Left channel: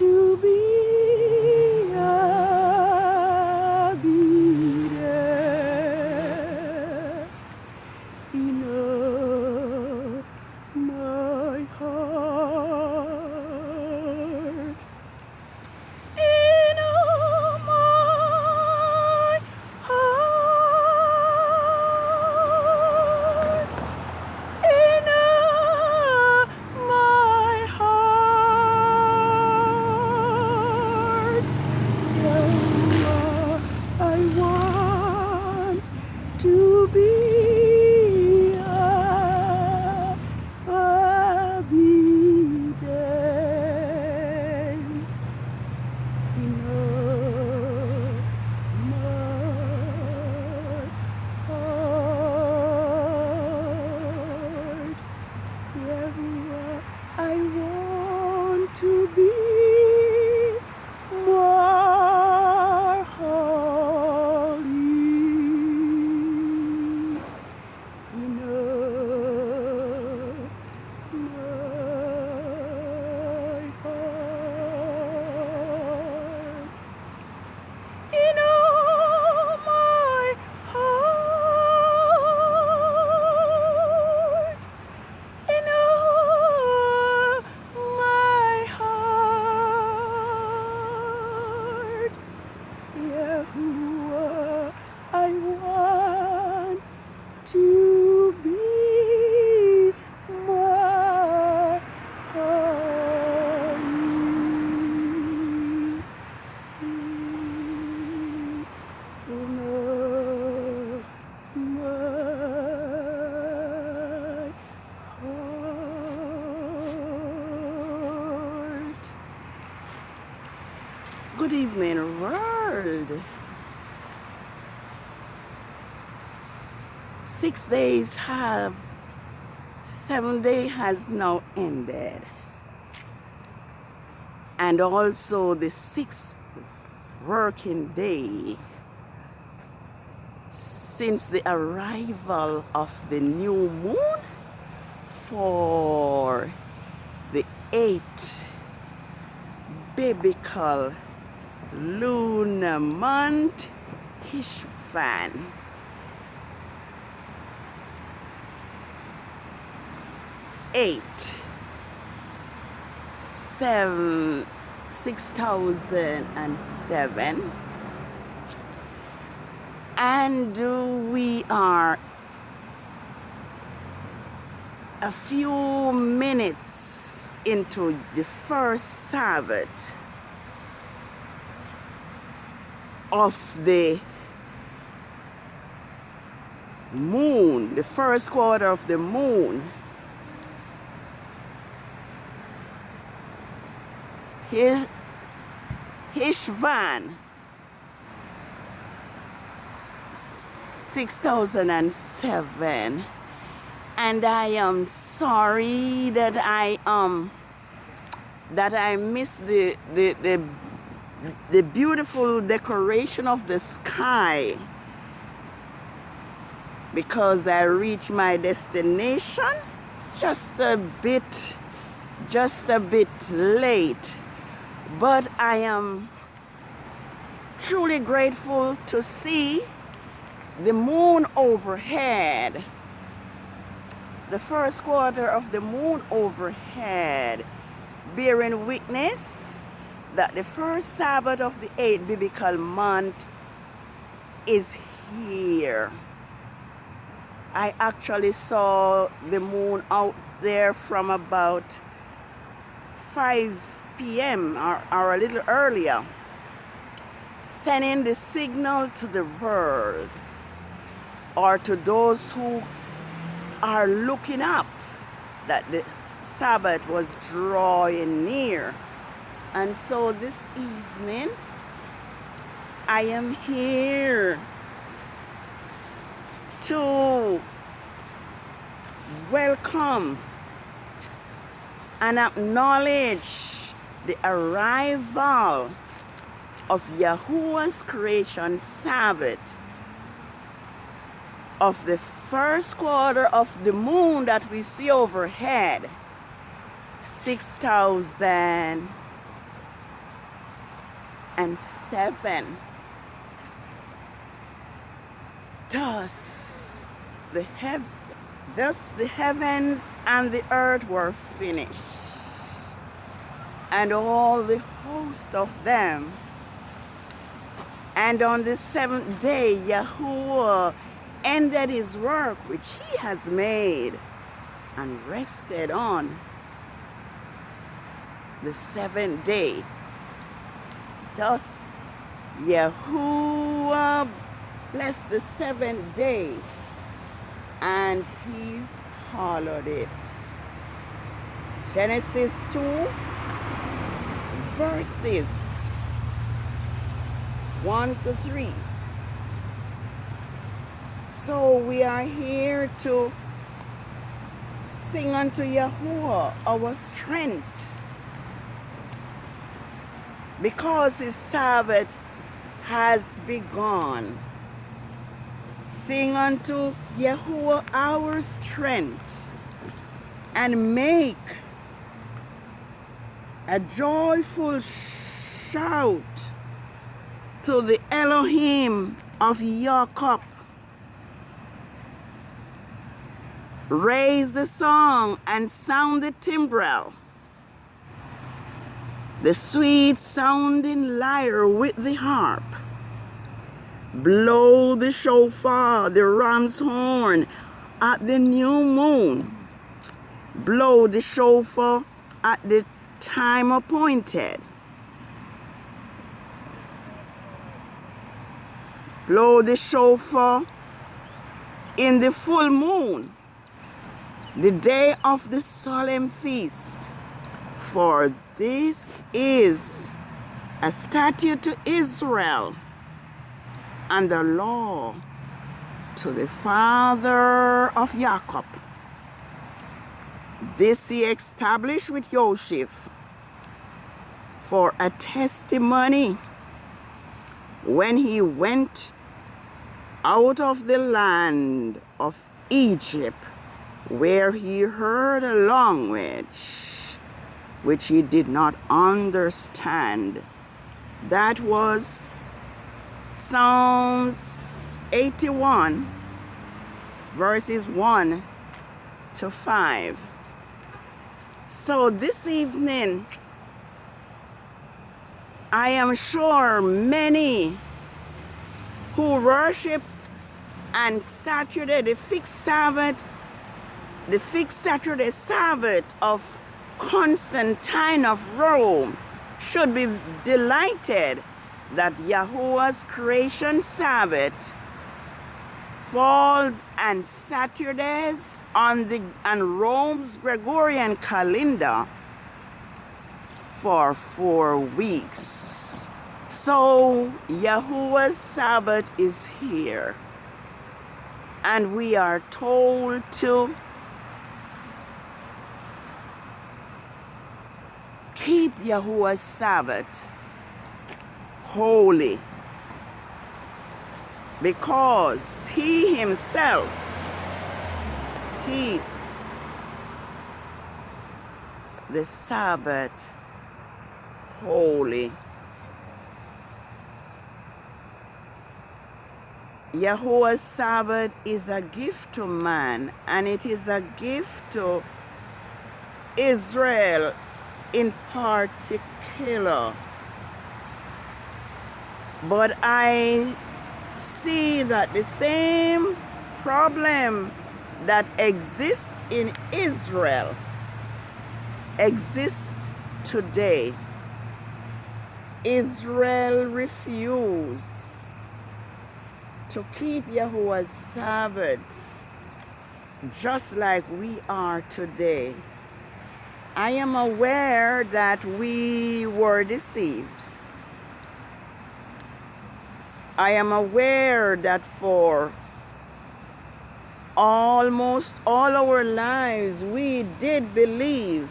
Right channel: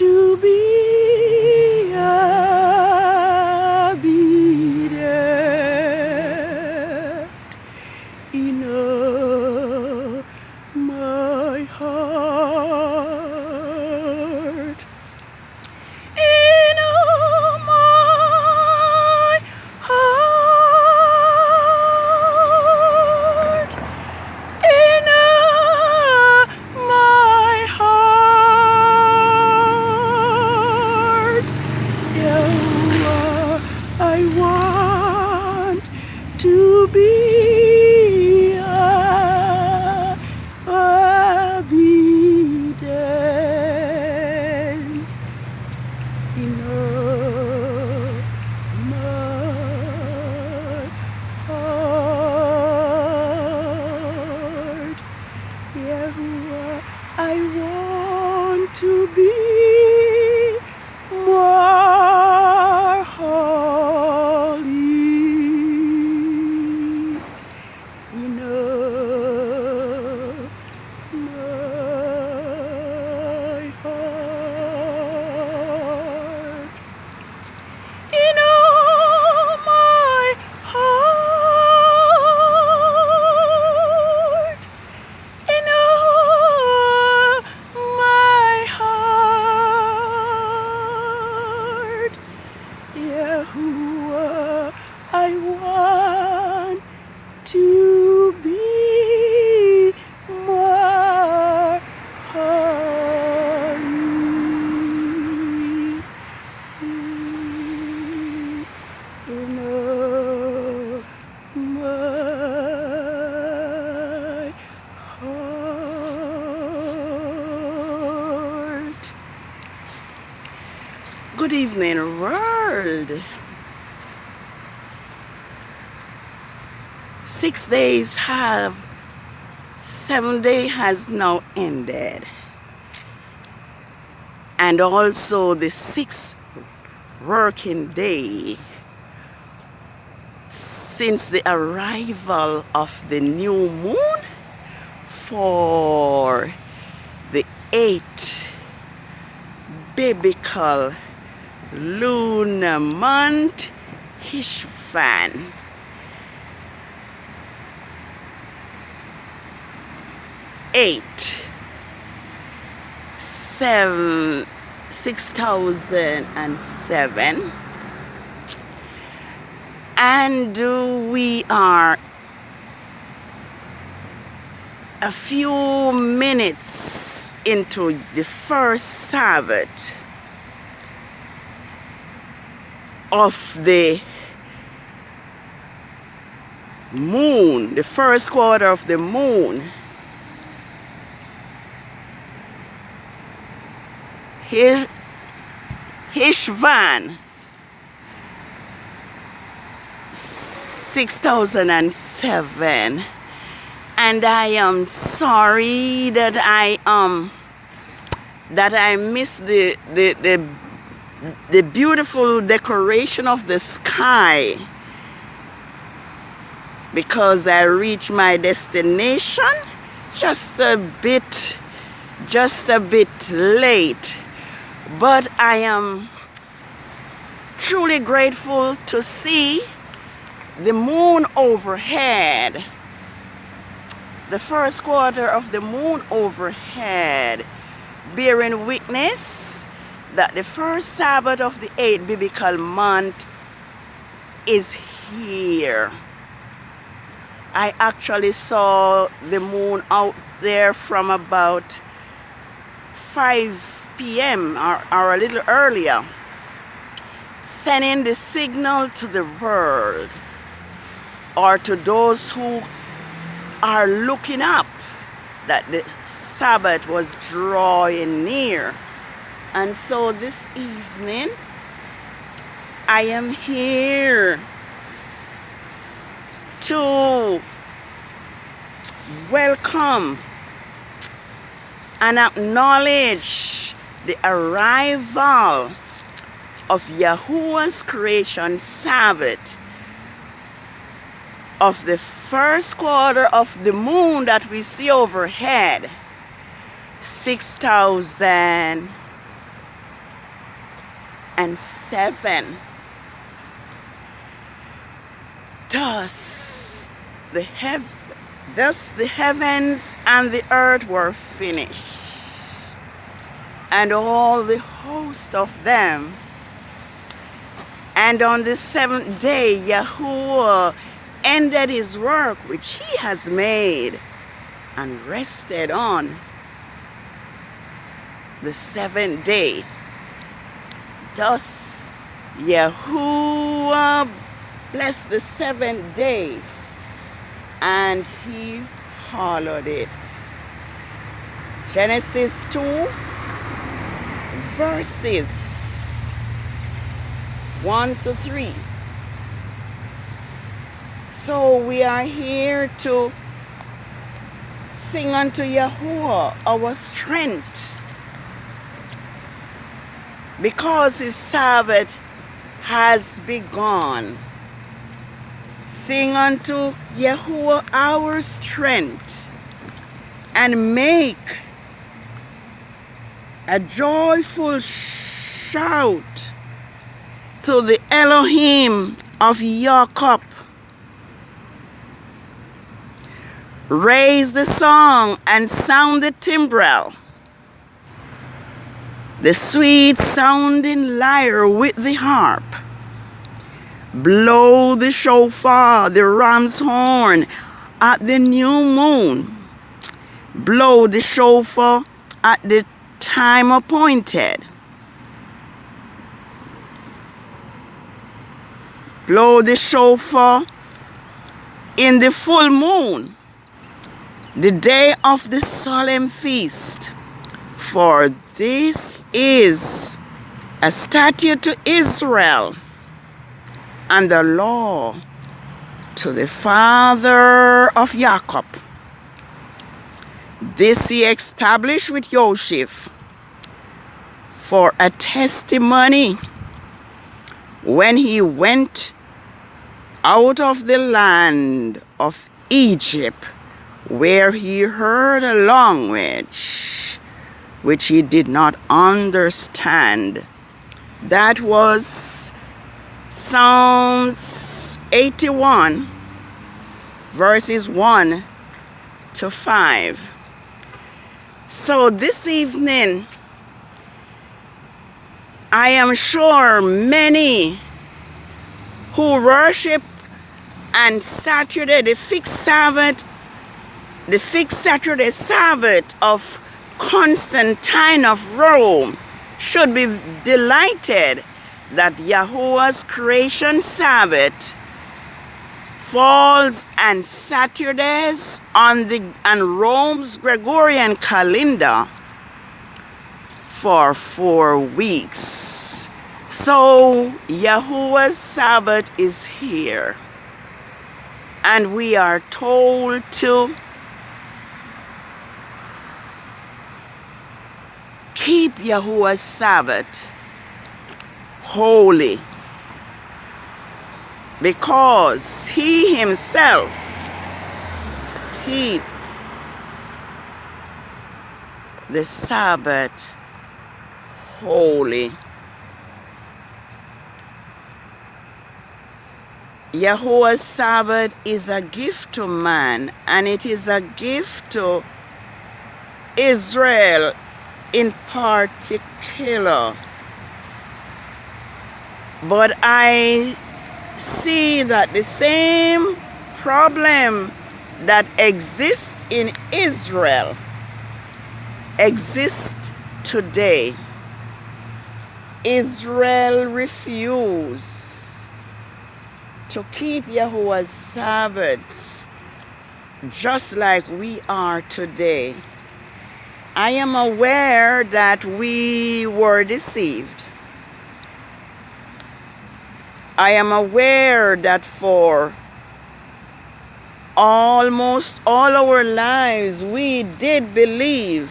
to be obedient in all my heart, in all my heart, in all my heart. Yahweh, I want to be obedient in all my heart. Yahweh, I want to be more holy in all my heart, in all my heart, in all my heart. Yahuwah, I want to be more holy in all my heart. Good evening, world. 6 days have, 7 day has now ended. And also the 6th working day since the arrival of the new moon for the 8th biblical lunar month, HESHVAN. 6007, and we are a few minutes into the first Sabbath of the moon, the first quarter of the moon. HESHVAN 6007, and I am sorry that I missed the beautiful decoration of the sky, because I reached my destination just a bit late. But I am truly grateful to see the moon overhead, the first quarter of the moon overhead, bearing witness that the first Sabbath of the 8th biblical month is here. I actually saw the moon out there from about 5 p.m. or a little earlier, sending the signal to the world, or to those who are looking up, that the Sabbath was drawing near. And so this evening, I am here to welcome and acknowledge the arrival of Yahuwah's creation Sabbath of the first quarter of the moon that we see overhead, 6007. and 7. Thus the heavens and the earth were finished, and all the host of them. And on the 7th day, Yahuwah ended his work which he has made, and rested on the 7th day. Thus Yahuwah blessed the 7th day, and he hallowed it. Genesis 2, verses 1 to 3. So we are here to sing unto Yahuwah our strength, because his Sabbath has begun. Sing unto Yahuwah our strength, and make a joyful shout to the Elohim of Jacob. Raise the song and sound the timbrel, the sweet sounding lyre with the harp. Blow the shofar, the ram's horn at the new moon. Blow the shofar at the time appointed. Blow the shofar in the full moon, the day of the solemn feast. For this is a statute to Israel, and the law to the father of Jacob. This he established with Joseph for a testimony when he went out of the land of Egypt, where he heard a language which he did not understand. That was Psalms 81, verses 1 to 5. So this evening, I am sure many who worship and Saturday, the fixed Sabbath, the fixed Saturday Sabbath of Constantine of Rome, should be delighted that Yahuwah's creation Sabbath falls on Saturdays on Rome's Gregorian calendar for 4 weeks. So Yahuwah's Sabbath is here, and we are told to keep Yahuwah's Sabbath holy, because he himself keep the Sabbath holy. Yahuwah's Sabbath is a gift to man, and it is a gift to Israel in particular. But I see that the same problem that exists in Israel exists today. Israel refused to keep Yahuwah's Sabbaths, just like we are today. I am aware that we were deceived. I am aware that for almost all our lives, we did believe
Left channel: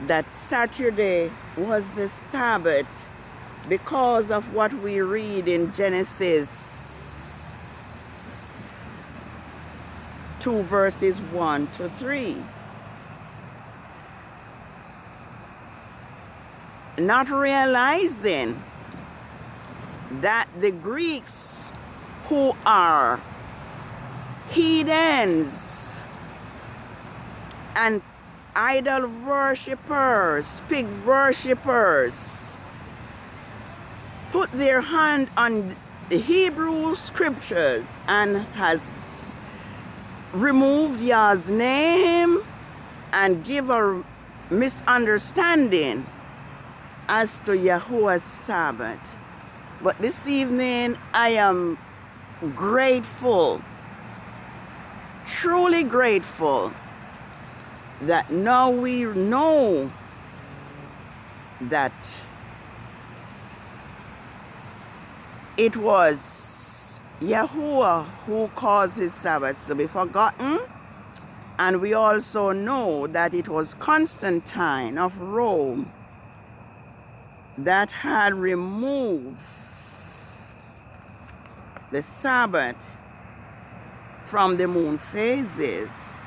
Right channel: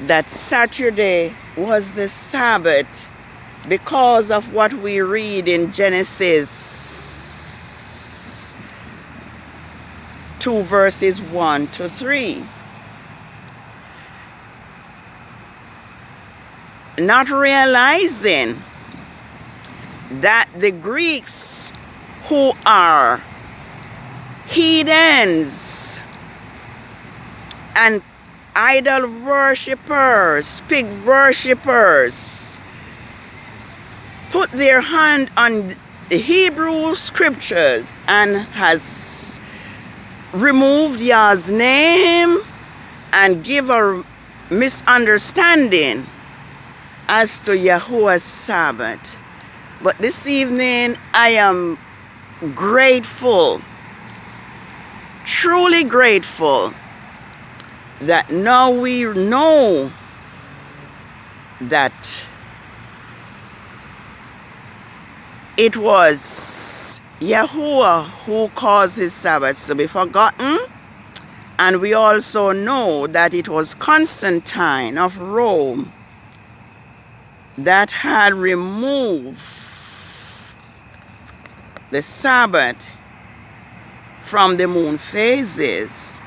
that Saturday was the Sabbath because of what we read in Genesis 2, verses 1 to 3. not realizing that the Greeks, who are heathens and idol worshippers, pig worshippers, put their hand on the Hebrew scriptures and has removed Yah's name and give a misunderstanding as to Yahuwah's Sabbath. But this evening I am grateful, truly grateful, that now we know that it was Yahuwah who caused his Sabbaths to be forgotten. And we also know that it was Constantine of Rome that had removed the Sabbath from the moon phases.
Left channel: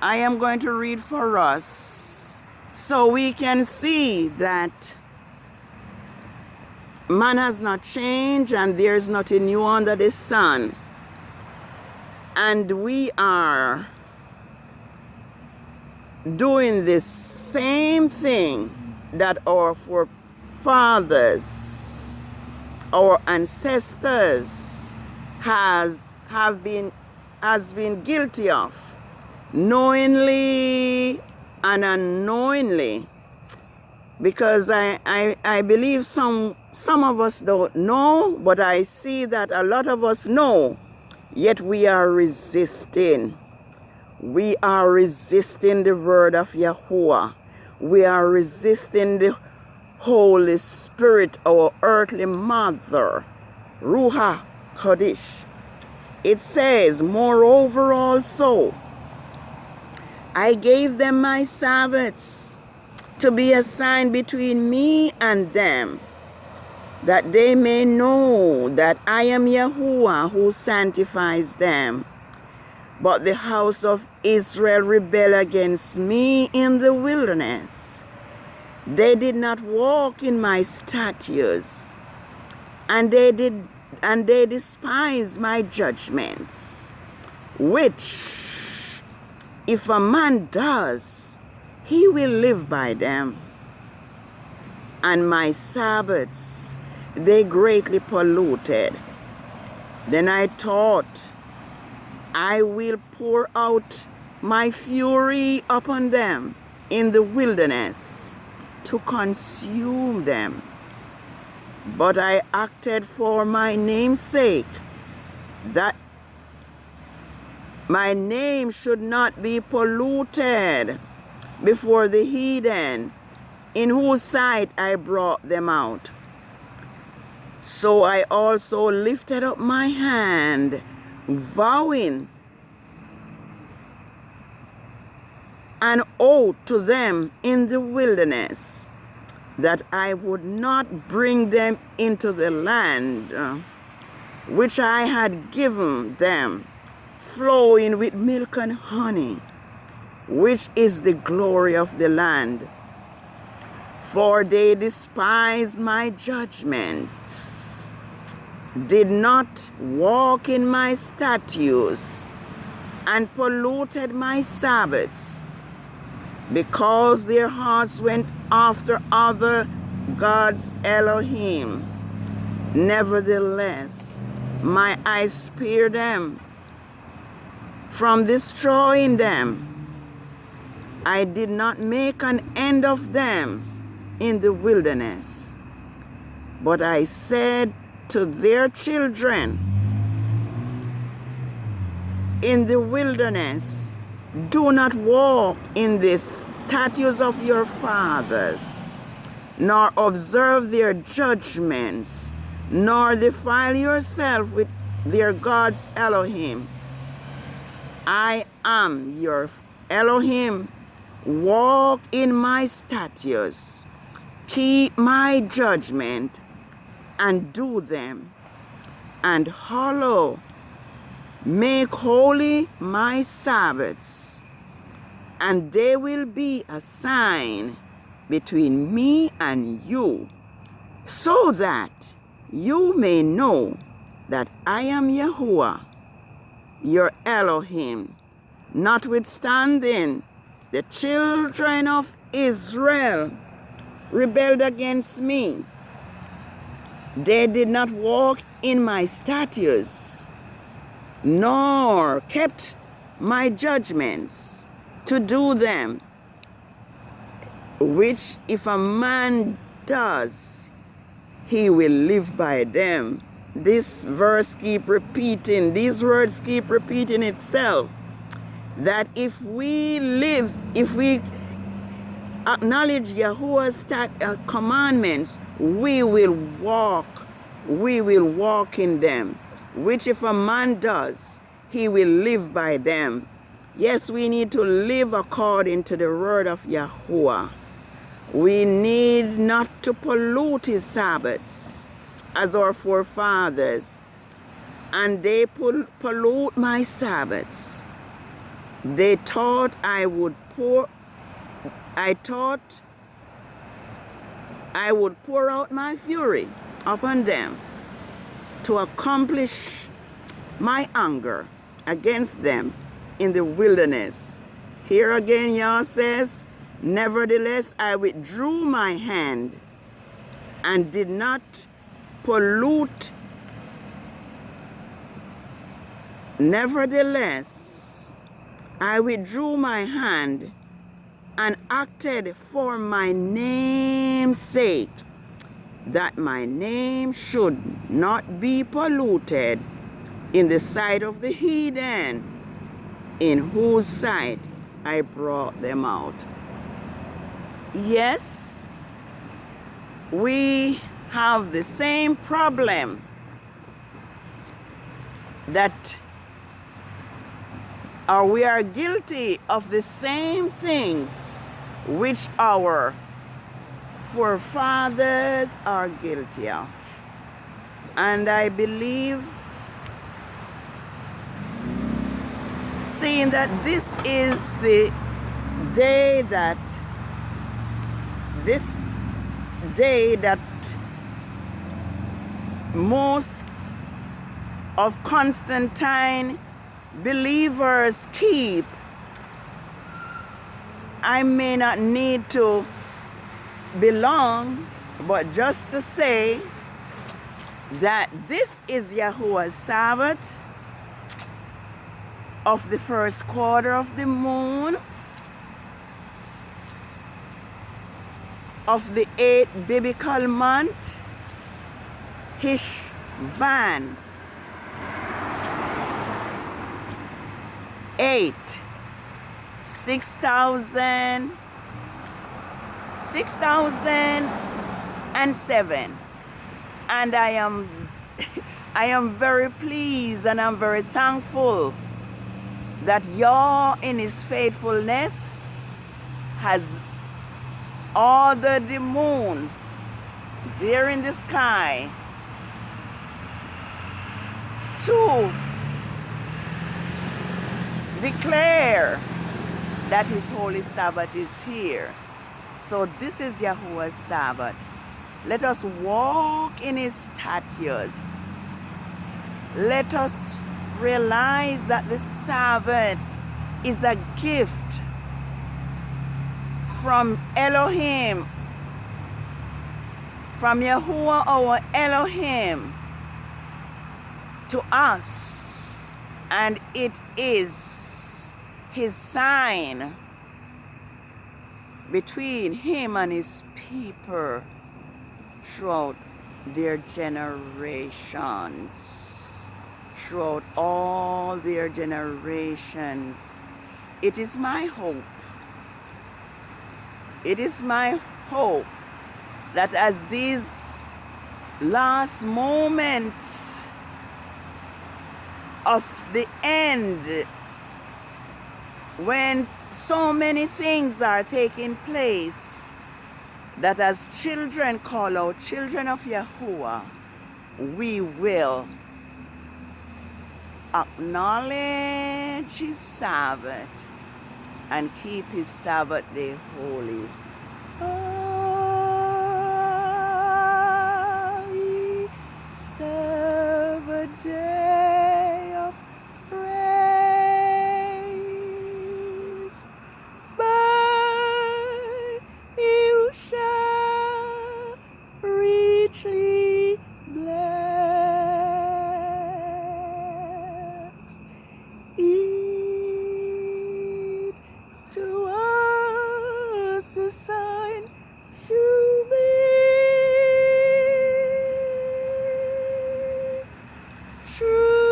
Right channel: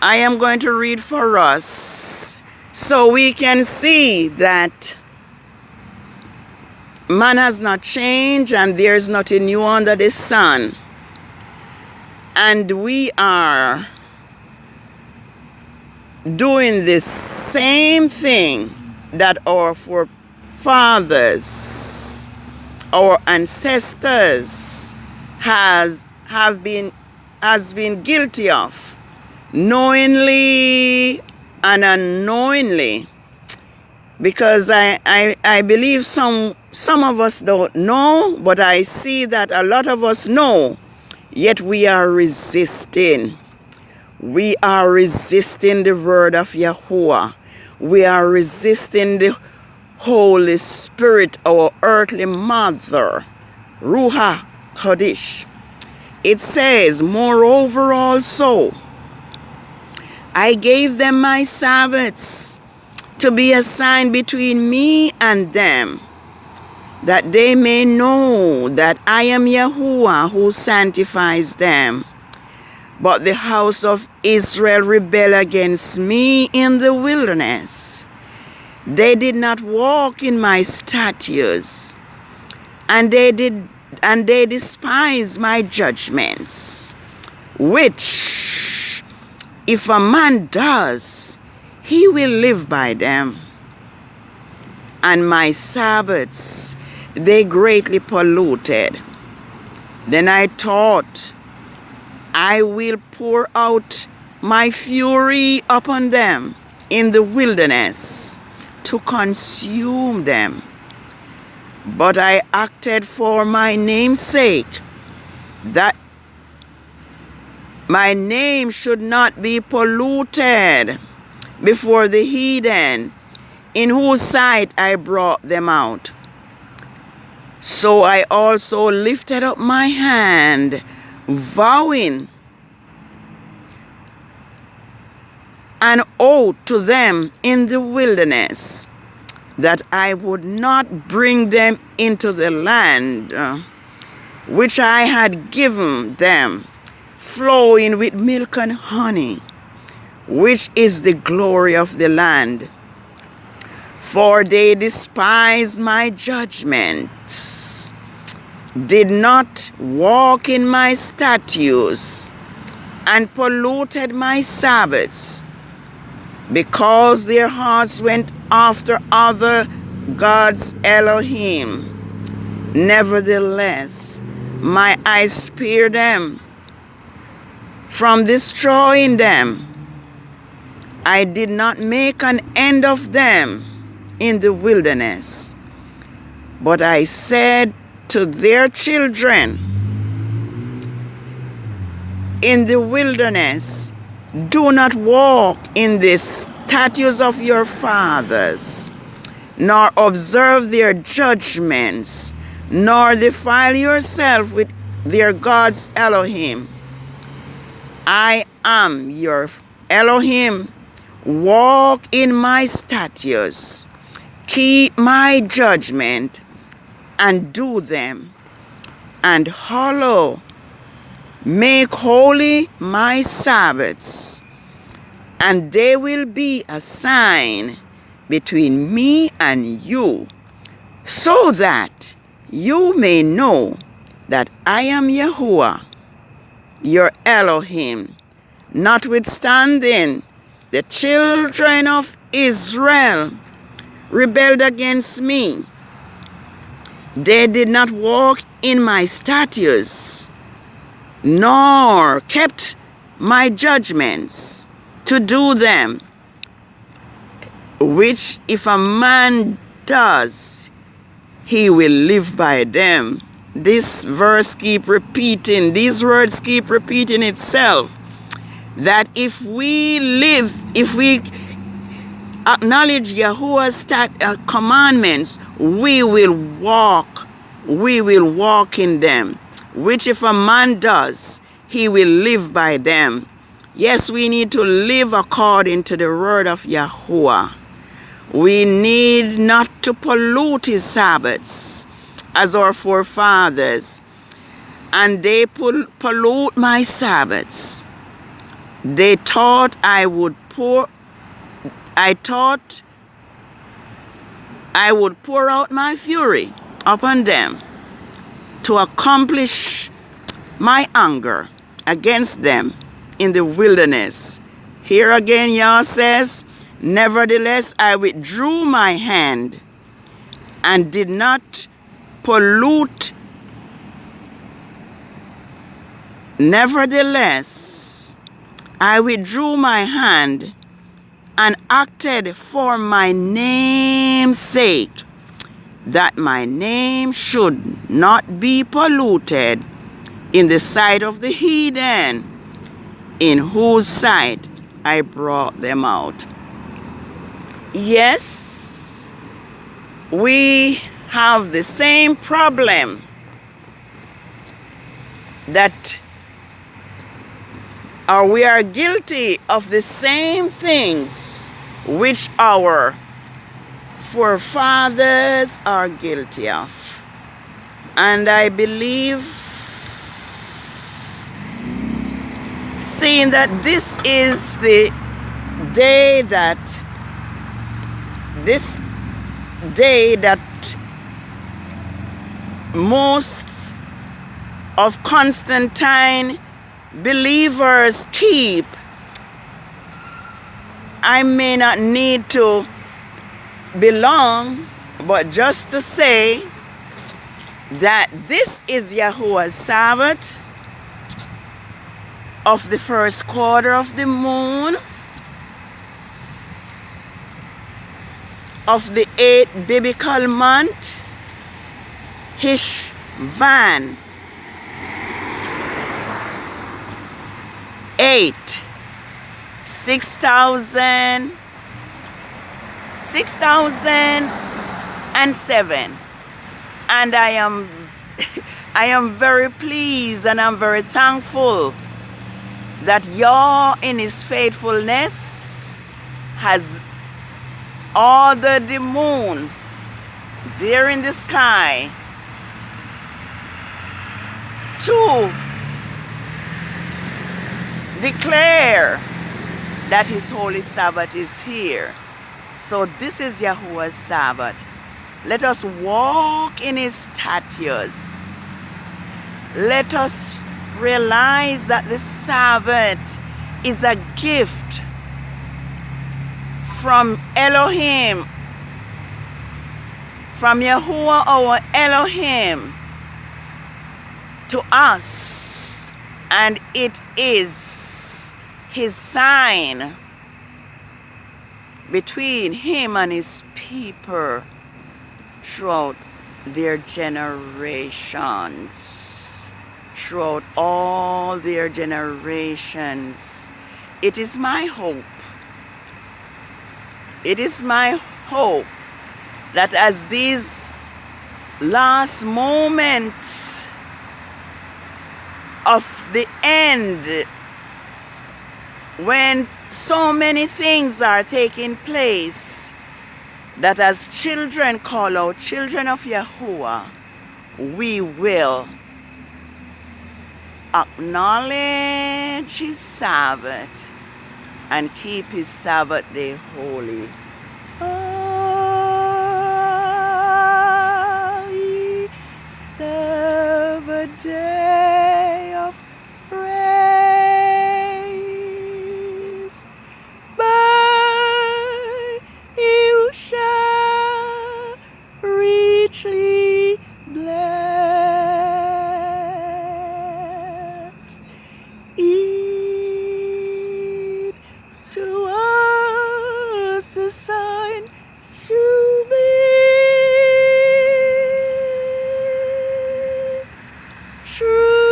I am going to read for us so we can see that man has not changed and there is nothing new under the sun. And we are doing the same thing that our forefathers, our ancestors has been guilty of, knowingly and unknowingly. Because I believe some of us don't know, but I see that a lot of us know, yet we are resisting. We are resisting the word of Yahuwah. We are resisting the Holy Spirit, our earthly mother, Ruha Kodesh. It says, moreover also, I gave them my Sabbaths to be a sign between me and them, that they may know that I am Yahuwah who sanctifies them. But the house of Israel rebelled against me in the wilderness. They did not walk in my statutes, and they despised my judgments, which if a man does, he will live by them. And my Sabbaths they greatly polluted. Then I thought, I will pour out my fury upon them in the wilderness to consume them. But I acted for my name's sake, that my name should not be polluted before the heathen, in whose sight I brought them out. So I also lifted up my hand, vowing an oath to them in the wilderness, that I would not bring them into the land which I had given them, flowing with milk and honey, which is the glory of the land. For they despised my judgments, did not walk in my statutes, and polluted my Sabbaths, because their hearts went after other gods Elohim. Nevertheless, my eyes spared them from destroying them. I did not make an end of them in the wilderness, but I said to their children in the wilderness, do not walk in the statutes of your fathers, nor observe their judgments, nor defile yourself with their gods Elohim. I am your Elohim. Walk in my statutes, keep my judgment, and do them, and make holy my Sabbaths, and they will be a sign between me and you, so that you may know that I am Yahuwah, your Elohim. Notwithstanding, the children of Israel rebelled against me. They did not walk in my statutes, nor kept my judgments to do them, which if a man does, he will live by them. This verse keep repeating, these words keep repeating itself, that if we live, if we acknowledge Yahuwah's commandments, we will walk in them, which if a man does, he will live by them. Yes, we need to live according to the word of Yahuwah. We need not to pollute his Sabbaths as our forefathers, and they pollute my Sabbaths. They thought I would pour out my fury upon them to accomplish my anger against them in the wilderness. Here again, Yah says, nevertheless, I withdrew my hand and did not pollute. Nevertheless, I withdrew my hand and acted for my name's sake, that my name should not be polluted in the sight of the heathen, in whose sight I brought them out. Yes, we have the same problem we are guilty of the same things which our forefathers are guilty of. And I believe, seeing that this is the day that most of Constantine believers keep, I may not need to belong, but just to say that this is Yahuwah's Sabbath of the first quarter of the moon of the 8th biblical month, HESHVAN 6007, and I am very pleased and I'm very thankful that Yah in his faithfulness has ordered the moon there in the sky to declare that his holy Sabbath is here. So this is Yahuwah's Sabbath. Let us walk in his statutes. Let us realize that the Sabbath is a gift from Elohim, from Yahuwah our Elohim to us, and it is his sign between him and his people throughout their generations, throughout all their generations. It is my hope. It is my hope that as these last moments of the end, when so many things are taking place, that as children call out children of Yahuwah, we will acknowledge his Sabbath and keep his Sabbath day holy. richly blessed. It to us a sign should be truth.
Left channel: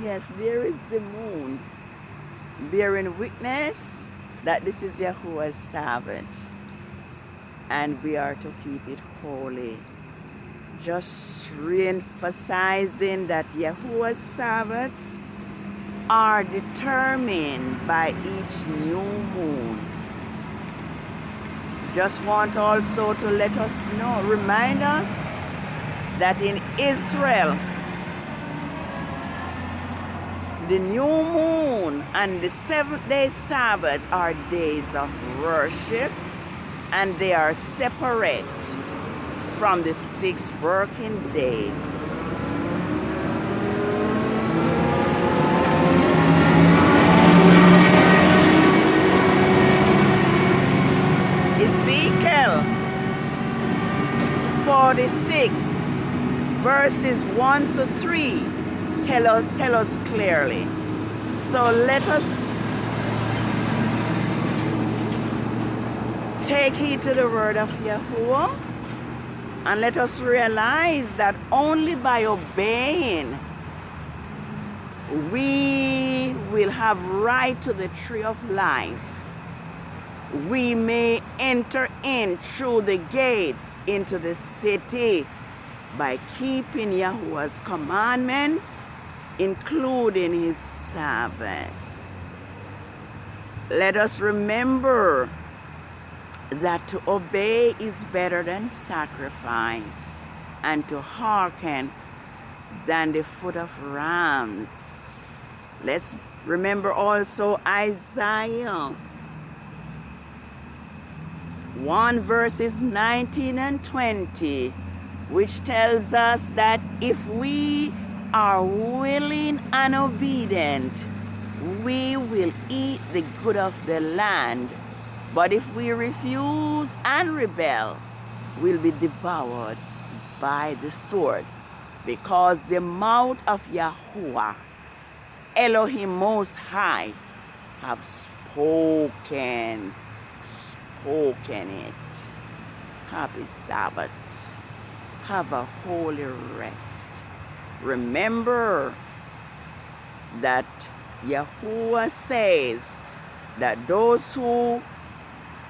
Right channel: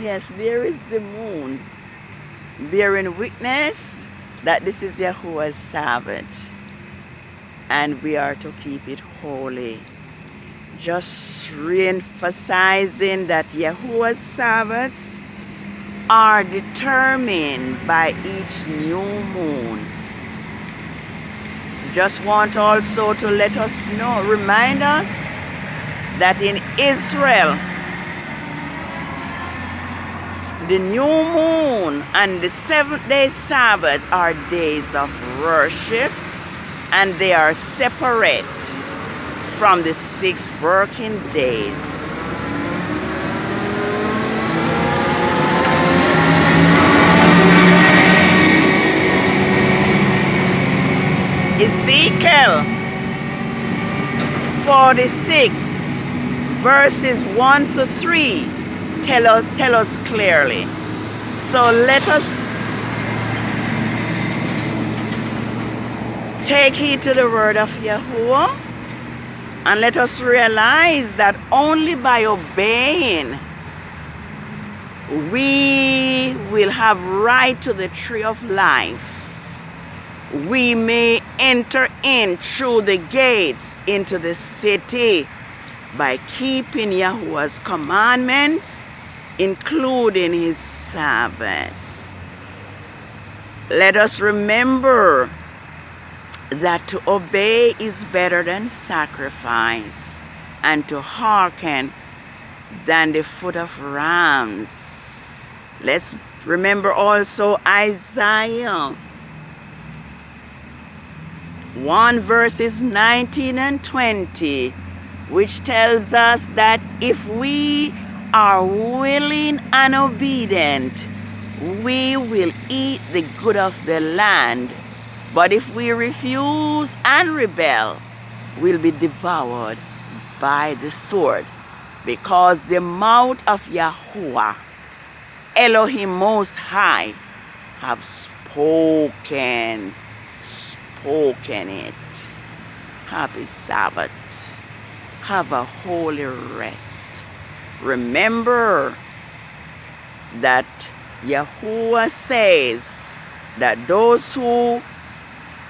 Yes, there is the moon bearing witness that this is Yahuwah's Sabbath and we are to keep it holy. Just re-emphasizing that Yahuwah's Sabbaths are determined by each new moon. Just want also to let us know, remind us that in Israel, the new moon and the seventh-day Sabbath are days of worship, and they are separate from the 6 working days. Ezekiel 46 verses 1 to 3 tell us clearly. So let us take heed to the word of Yahuwah, and let us realize that only by obeying we will have right to the tree of life. We may enter in through the gates into the city by keeping Yahuwah's commandments, including his Sabbaths. Let us remember that to obey is better than sacrifice, and to hearken than the foot of rams. Let's remember also Isaiah 1 verses 19 and 20, which tells us that if we are willing and obedient, we will eat the good of the land. But if we refuse and rebel, we'll be devoured by the sword, because the mouth of Yahuwah, Elohim Most High, have spoken it. Happy Sabbath. Have a holy rest. Remember that Yahuwah says that those who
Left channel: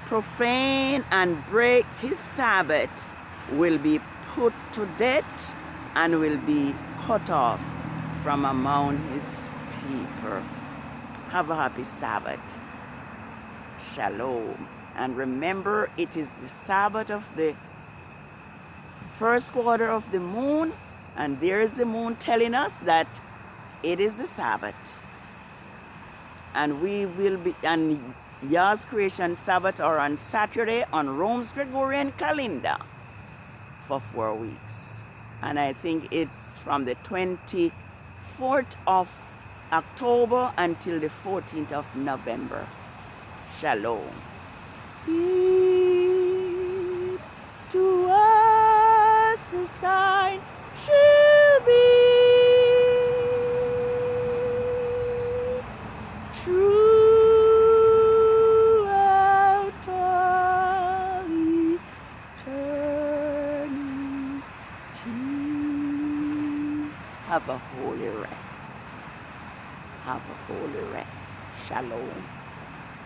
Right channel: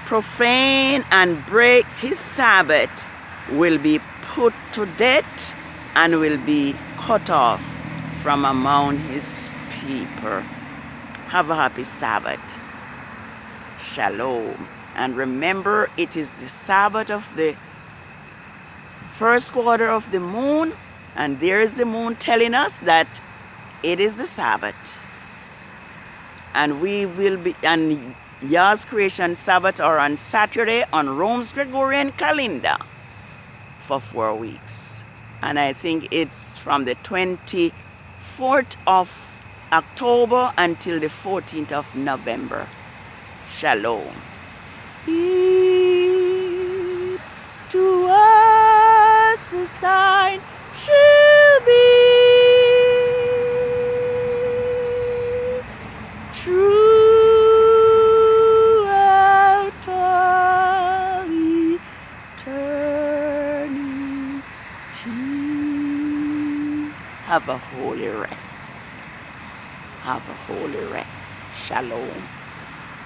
profane and break his Sabbath will be put to death and will be cut off from among his people. Have a happy Sabbath. Shalom. And remember, it is the Sabbath of the first quarter of the moon, and there is the moon telling us that it is the Sabbath. And we will be, and Yah's creation Sabbath are on Saturday on Rome's Gregorian calendar for 4 weeks. And I think it's from the 24th of October until the 14th of November. Shalom. Heed to us a sign shall be throughout all eternity. Have a holy rest. Have a holy rest. Shalom.